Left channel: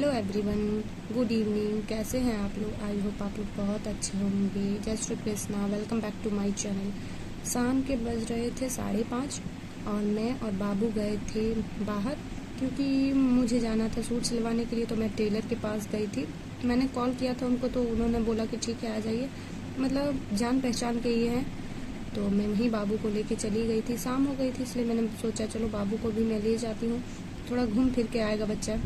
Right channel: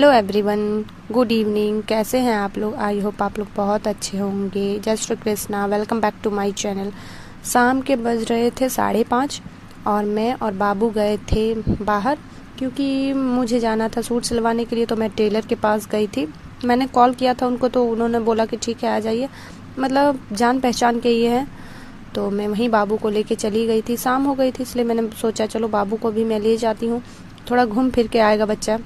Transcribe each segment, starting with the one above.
Hello everyone, good evening. कैसे हैं आप लोग? आई होप आप लोग बहुत अच्छे होंगे। जय Shri Krishna, welcome back to my channel. शाम के बज रहे थे 5:30 और मैं और बाबू गए थे बाहर, क्योंकि मुझे जाना था सूट सिलवाने के लिए। तो मैं टेलर के पास गई थी। मैंने कॉल किया था उनको, तो उन्होंने बोला कि ठीक है आ जाइए, मतलब जान पहचान के ये हैं। तो मैं वहीं बाबू को लेके चली गई थी। शाम हो गई थी, इसलिए मैंने सोचा चलो बाबू को भी मैं ले जाती हूँ, थोड़ा घूम फिर के आएगा बच्चा,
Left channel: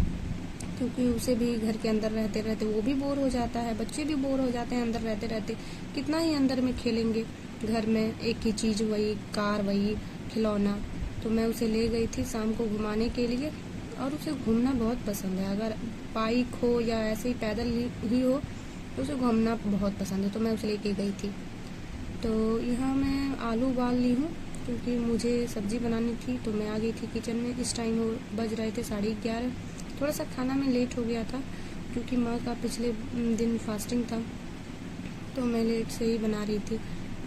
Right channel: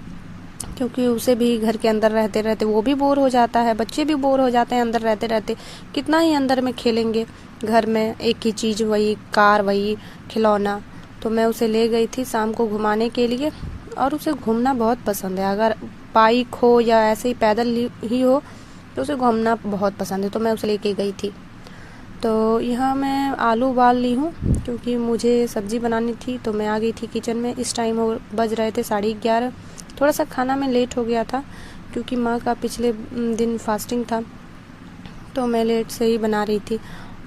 क्योंकि उसे भी घर के अंदर रहते रहते वो भी बोर हो जाता है, बच्चे भी बोर हो जाते हैं अंदर रहते रहते। कितना ही अंदर में खेलेंगे, घर में एक ही चीज़, वही कार, वही खिलौना। तो मैं उसे ले गई थी शाम को घुमाने के लिए, और उसे घूमना बहुत पसंद है। अगर बाइक हो या ऐसे ही पैदल ही हो तो उसे घूमना बहुत पसंद है। तो मैं उसे लेके गई थी। तो यहाँ मैं आलू उबाल ली हूँ, क्योंकि मुझे सब्ज़ी बनानी थी। तो मैं आ गई थी किचन में। इस टाइम बज रहे थे 11:30। थोड़ा सा खाना में लेट हो गया था, क्योंकि माँ का पिछले दिन फास्टिंग था, तो मैं लेट से ही बना रही थी।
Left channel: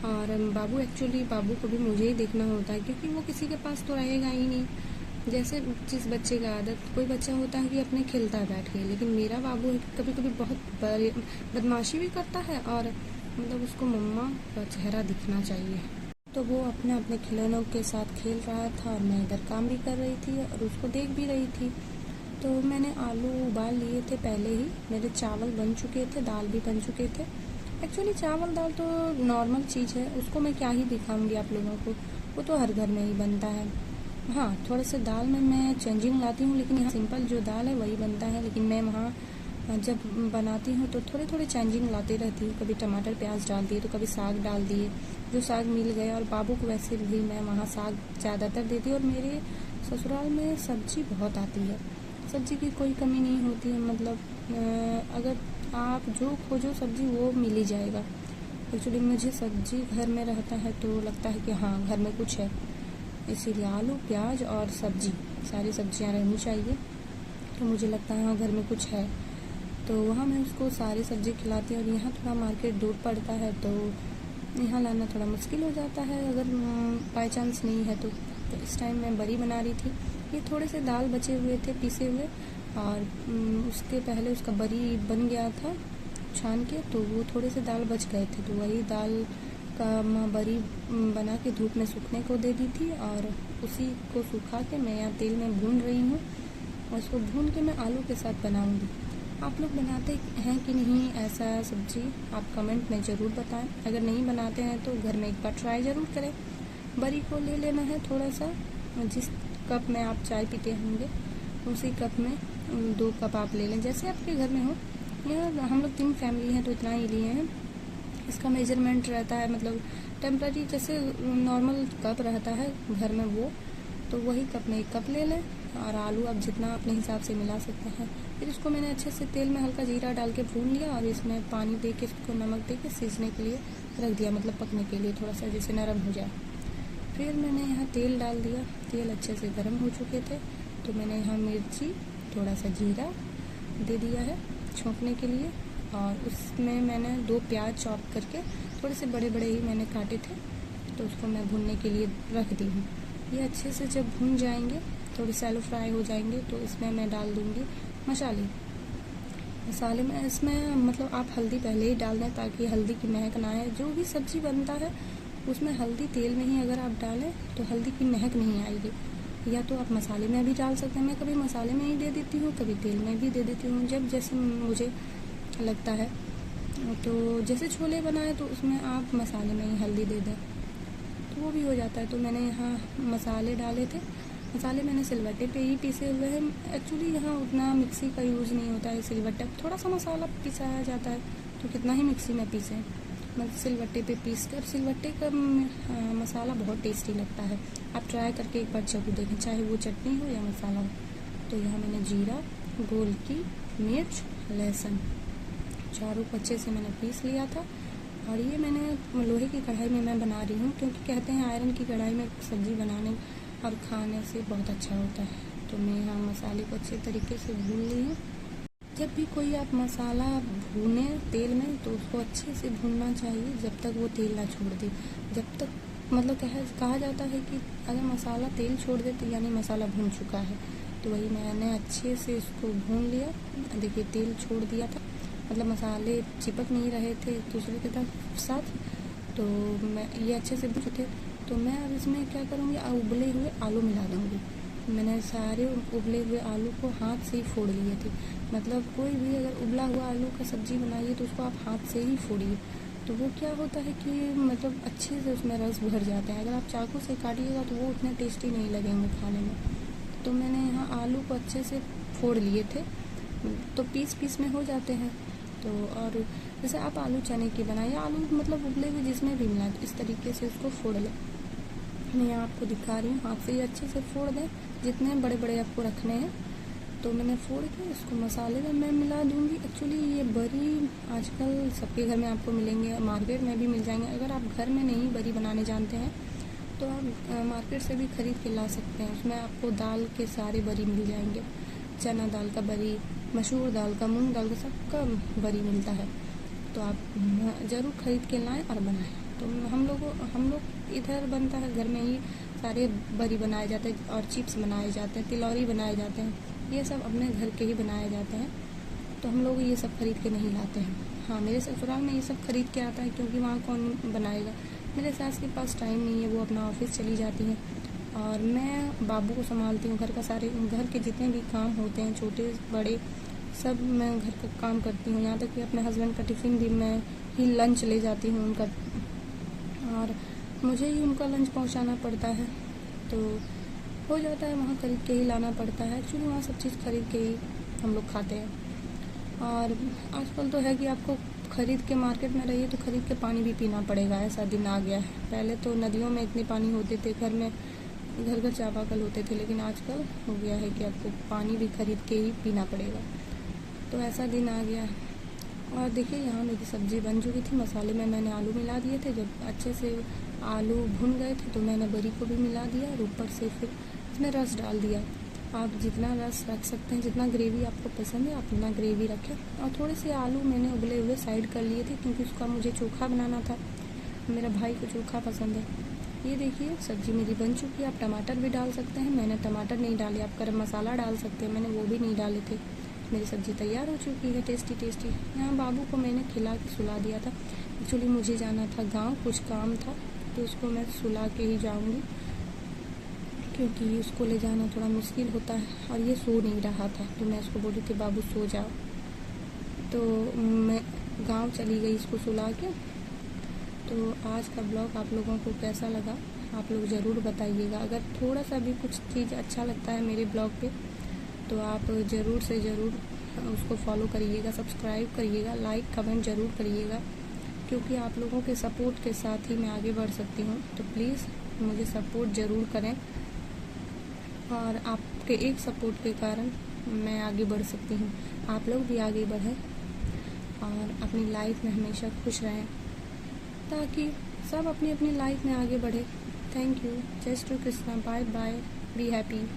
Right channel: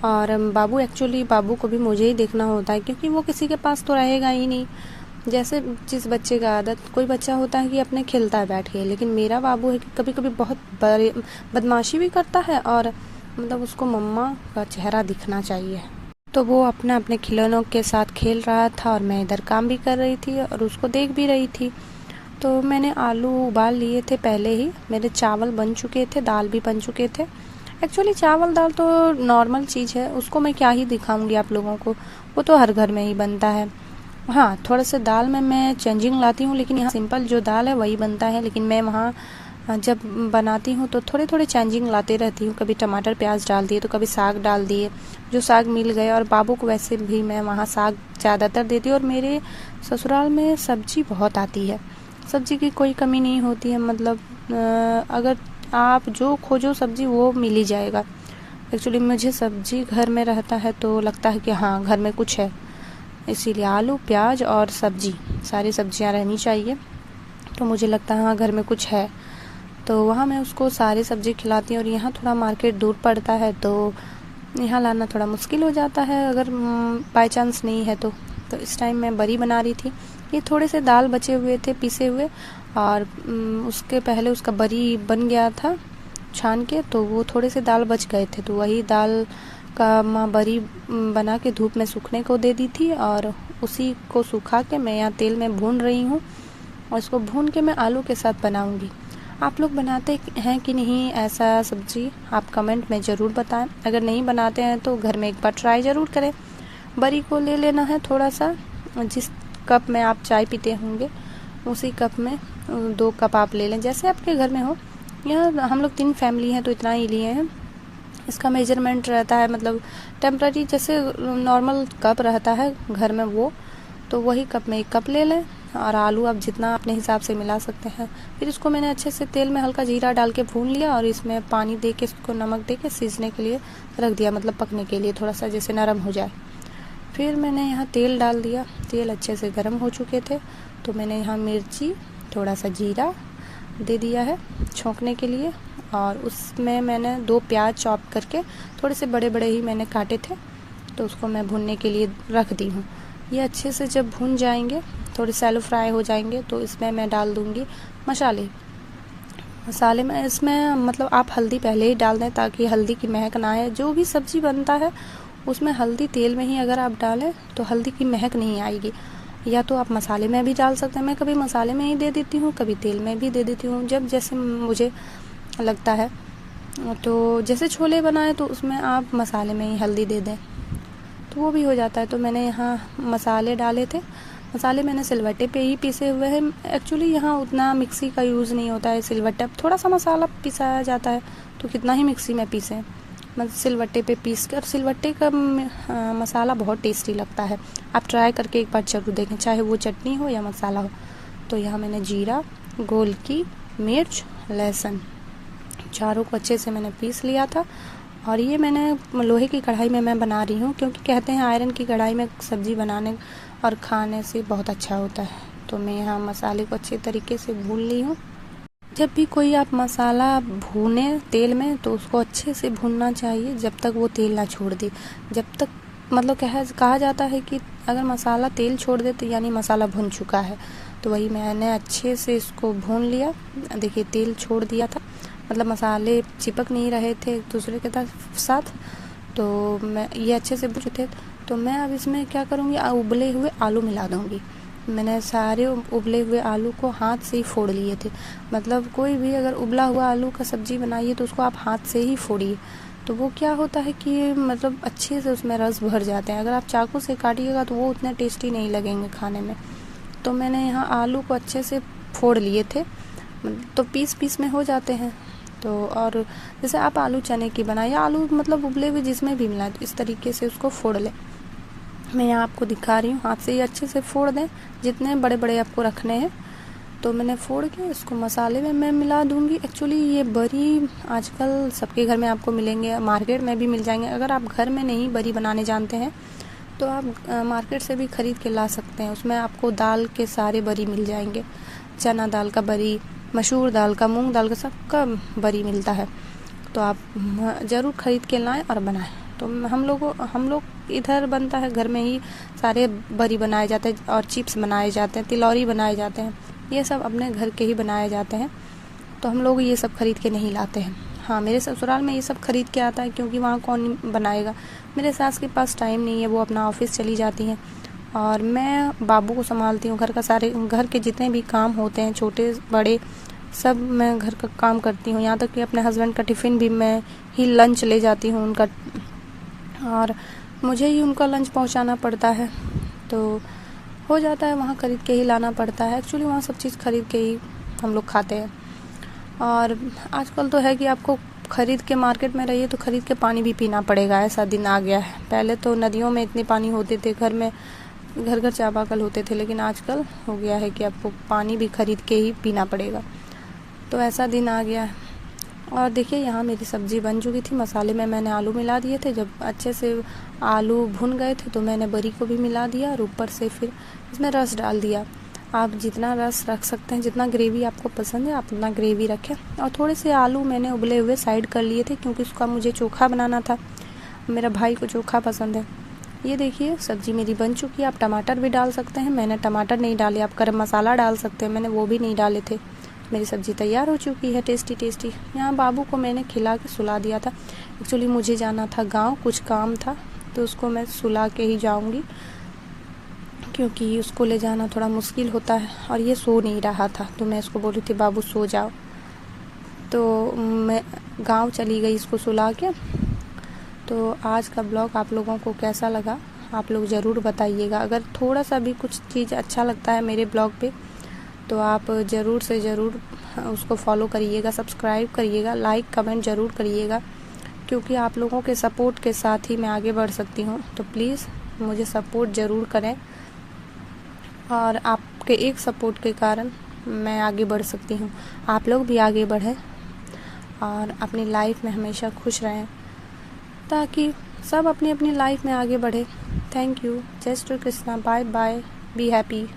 और बाबू को भी मुझे ही देखना होता है, क्योंकि वो किसी के पास तो रहेगा ही नहीं। जैसे जिस बच्चे का आदत, कोई बच्चा होता है कि अपने खेलता है बैठ के, लेकिन मेरा बाबू है कि कभी कभी बहुत बदमाशी भी करता है, और मतलब उसको मम्मा का चेहरा दिखना चाहिए। तो वो अपने अपने खिलौनों के साथ खेल रहा था, और मैं इधर काम भी कर रही थी और उसको देख भी रही थी। तो मैंने आलू उबाल लिए थे पहले ही, मेरे चावल बन चुके थे, दाल भी बन चुके थे। एक्चुअली चावल दाल तो नॉर्मल चीज़ है, उसको मैं क्या ही दिखाऊंगी आप लोगों को, वो तो हर घर में ही बनता है। हाँ, थोड़ा सा दाल में मैं चेंजिंग लाती हूँ, लेकिन यहाँ सिंपल जो दाल है वही बनता है। लेकिन मैं वहाँ जब बनाती हूँ तो थोड़े थोड़े चेंजिंग लाते रहती हूँ। कभी टमाटर प्याज डाल दिए, तो कभी साग डाल दिए, जो साग मिल गए। और बाबू को वैसे भी मैं वहाँ साग ज़्यादातर देती हूँ। और मेरे ससुराल में सब्जी बहुत आती है, सब्जी की कोई कमी नहीं होती है। मतलब अगर आप जो खोजो सब्जी वो मिल ही जाएगा। एक्चुअली मुझे सब्जी घर में रहता है तो लगता है कि हाँ घर में कुछ है, इसीलिए आलू प्याज और सब्जी, सारी सब्जियां रहनी चाहिए। तो मुझे लगता है हाँ घर में कुछ है, तो वहाँ मैं उसको सारी सब्जी खिलाती हूँ। और यहाँ थोड़ा मार्केट दूर पड़ता है, तो यहाँ लाना थोड़ा मुश्किल हो जाता है अगर बाय चांस नहीं है तो इस टाइम मैं बरी बना रही थी। ये थोड़े से दाल बचे हुए थे पिसे हुए, और उसके पहले उसका बरी बन गया था छान के, तो वो थोड़े से दाल बच गए थे। तो वही दाल का माँ बरी बना के धूप में सूखने को दे दी थी, और उसी को सुखा के मैं यहाँ तेल में भून रही हूँ। और इसको भून के मैं आलू के साथ बनाऊँगी। आप लोग बनाते हैं कि नहीं ऐसा सब्जी, आप कमेंट में ज़रूर बताएं। अगर नहीं बनाते हैं तो घर में एक बार ट्राई ज़रूर करें। बरी को ले लेना है थोड़ा सा, जिस कप में आप चाय पीते होंगे उसी कप में 2 कप आप ले लें, जैसे आपके घर में हो। यहाँ हम लोग 3 फैमिली हैं तो इतना ही लिए हैं। इसका मेजरमेंट रहता है, मतलब टेम्पररी जैसे नॉर्मल कप रहता है घर में, वो तो वही कप में 1 कप ले लें। और आलू आप जितना अपने हिसाब से मिला सकते हैं। फिर इसको मैंने अच्छे से तेल में हल्का जीरा डाल के भून लिया, और इसमें पानी दे के, इसको नमक दे के सीजने के लिए रख दिया, मतलब पकने के लिए, थोड़ा सा जैसे नरम हो जाए। फिर मैंने यहाँ तेल डाल दिया, तेल अच्छे से गर्म हो चुके थे, तो मैंने यहाँ मिर्ची, थोड़ा सा जीरा दे दिया है छोंकने के लिए। और उसमें मैंने 2 प्याज चॉप करके, थोड़े से बड़े बड़े ही मैंने काटे थे, तो उसको मैं भूनने के लिए रख दी हूँ। ये अच्छे से जब भून जाएंगे, थोड़े सैलो फ्राई हो जाएंगे, तो इसमें मैं डाल दूँगी मसाले में। इसमें मतलब आप हल्दी पहले ही डाल दें, ताकि हल्दी की महक ना आए। जो भी सब्ज़ी बनता है उसमें हल्दी तेल में ही अगर आप डालें तो हल्दी की महक नहीं आएगी। या तो आप मसाले में भी डाल सकते हैं, मैं कभी मसाले में ही दे देती हूँ, कभी तेल में भी दे देती हूँ, जब जैसे मुझे लगता है। तो जैसे छोले बनाए तो उसमें आप मसाले में ही हल्दी दे दें, तो वो भी हो जाता है। तो मैंने यहाँ मसाले डाले थे। मसाले मैंने सिलवट्टे पे ही पीसे हुए हैं। एक्चुअली यहाँ उतना मिक्सी का यूज़ नहीं होता है, सिलवट्टे अब थोड़ा सा मसाला पिसाया जाता है, तो कितना ही मिक्सी में पीसें, मतलब सिलवट्टे पे पीस कर। सिलवट्टे का मसाला बहुत टेस्टी लगता है, आप ट्राई करके एक बार ज़रूर देखें, चाहे वो चटनी हो या मसाला हो। तो यहाँ मैंने जीरा, गोलकी, मिर्च, लहसुन, चारों को अच्छे से मैंने पीस लिया था। और ये मैंने लोहे की कढ़ाई में मैं बना रही हूँ, क्योंकि कहते हैं आयरन की कढ़ाई में सब्ज़ी बनाने और खाने से बहुत अच्छा होता है। तो मैं यहाँ मसाले को अच्छे तरीके से भून ली हूँ। जब भी कोई आप मसाला भूने तेल में, तो उसको अच्छे से भूनना चाहिए जब तक वो तेल ना छोड़ दे। जब तक मतलब कहा जाता है कि अगर मसाला तेल छोड़ दे तो यानी मसाला भुन चुका है। तो वही मैंने अच्छे से इसको भून लिया। देखिए तेल छोड़ दिया था, मतलब मसाले चिपक नहीं रहे थे एक दूसरे के साथ। तो मैं ये अच्छे से भून थे। तो मैं अब इसमें क्या करूँगी, उबले हुए आलू मिला दूँगी। मैंने सारे उबले हुए आलू को हाथ से ही फोड़ लिए थे। मतलब कोई भी अगर उबला हुआ आलू का सब्ज़ी बनाइए तो उसको आप हाथ से ही फोड़िए, तो वो क्या होता है कि मतलब अच्छे से उसमें रस भर जाते हैं। अगर आप चाकू से काटिएगा तो वो उतने टेस्टी नहीं लगेंगे खाने में। तो मैंने यहाँ आलू को अच्छे से फोड़ लिए थे, तो पीस पीस में हो जाते हैं। तो और जैसे आप आलू चने की बनाइए, आलू मतलब उबले हुए जिसमें भी मिला, तो इस तरीके से उसको फोड़ लें। मैं यहाँ आपको दिखा रही हूँ, हाथ से ही अच्छे से फोड़ दें जितने बड़े बड़े आपको रखने हैं। तो मैंने फोड़ के इसको मसाले में मैं मिला दूँगी। एक्चुअली ये बरी आजकल सबके घर में आपको मिलेंगे, मार्केट में भी मिल जाएंगे। अगर आप घर में नहीं बरी बनाने जानते हैं तो आप मार्केट से भी ख़रीद के ला सकते हैं। उसमें आपको दाल के सारे बरी मिल जाएंगे, चना दाल का बरी, मसूर दाल का, मूंग दाल का, सबका बरी मिलता है। तो आप ज़रूर ख़रीद के लाएं और बनाएं। तो हम लोग इधर बनता है घर में ही, सारे बरी बनाए जाते हैं और चिप्स बनाए जाते हैं, तिलौरी बनाए जाते हैं, ये सब अपने घर के ही बनाए जाते हैं। तो हम लोग ये सब ख़रीद के नहीं लाते हैं। हाँ, मेरे ससुराल में ये सब ख़रीद के आता है, क्योंकि वहाँ कौन बनाएगा। मेरे सास के पास टाइम नहीं है, वो अपना ऑफिस चली जाती हैं और मैं बाबू को संभालती हूँ। घर के जितने भी काम होते हैं, छोटे बड़े, सब मैं घर का काम करती हूँ। यहाँ तक कि अपने हस्बैंड का टिफ़िन भी मैं ही लंच ले जाती हूँ उनका, और मुझे ही उनका लंच पहुँचाना पड़ता है। तो हो जाता है, वहाँ ख़रीद के ही लाना पड़ता है। एक्चुअली वहाँ सब चीज़ ख़रीद के ही हम लोग खाते हैं। और आजकल तो है कि आपको ख़रीद के मार्केट में रहिए तो ख़रीद के पानी भी पीना पड़ेगा, ऐसा दिन आ गया है। पहले तो नदियों में इतने पानी होते थे, घर में घर घर चापाकल होते थे, लेकिन आजकल हो गया है कि आपको पानी भी ख़रीद के ही पीना पड़ेगा। तो ऐसा दिन आ गया है। और देखिए यहाँ मेरी सब्ज़ी बन चुकी थी। मसाले में मैंने आलू मिला दिए थे। जब अच्छे से आलू भुन गए थे तो मैंने बरी को भी मिला दिया और ऊपर से फिर इसमें रस डाल दिया। आप जितना रस रख सकते हैं, जितना ग्रेवी आपको पसंद है आप उतना ग्रेवी रखें। और थोड़े से आलू मैंने उबले हुए साइड कर लिए थे, क्योंकि उसका मुझे चोखा बनाना था। मेरा भाई को चोखा पसंद है। ये देखिए सब्ज़ी मेरी बन चुकी है। आप टमाटर भी डाल सकते हैं, मैंने टमाटर नहीं डाले। आप गरम मसाला डाल सकते हैं, मैंने वो भी नहीं डाले थे। मेरी सब्ज़ी तैयार हो चुकी है, टेस्टी टेस्टी। यहाँ बाबू को मैंने खिला के सुला दिया था। एक्चुअली मुझे जाना था गांव, कुछ काम था, तो उसको मैं सुला के ही जाऊंगी, क्योंकि उसको ले जाना थोड़ा मुश्किल होता है। और ये सो नहीं रहा था, तो मैं इसको बोली थी बाबू सो जाओ। तो मैं गांव चली गई इसको सुला के। तो आज का ब्लॉग आप लोगों को कैसा लगा आप लोग ज़रूर बताइएगा। अगर थोड़ा सा भी कुछ चीज़ अच्छा लगता है मेरे ब्लॉग पे तो आप ज़रूर से ज़रूर उसको फॉलो करिएगा, सब्सक्राइब करिएगा, लाइक कमेंट ज़रूर करिएगा, क्योंकि आप लोगों के सपोर्ट के साथ ही मैं आगे बढ़ सकती हूँ। तो प्लीज़ मुझे सपोर्ट ज़रूर करें, और आपके एक सपोर्ट के कारण मैं आगे बढ़ सकती हूँ। आप लोग भी आगे बढ़ें और अपनी लाइफ में हमेशा खुश रहें, ताकि सब अपनी अपनी लाइफ में आगे बढ़े। Thank you. जय Shri Krishna. Bye bye. Be happy.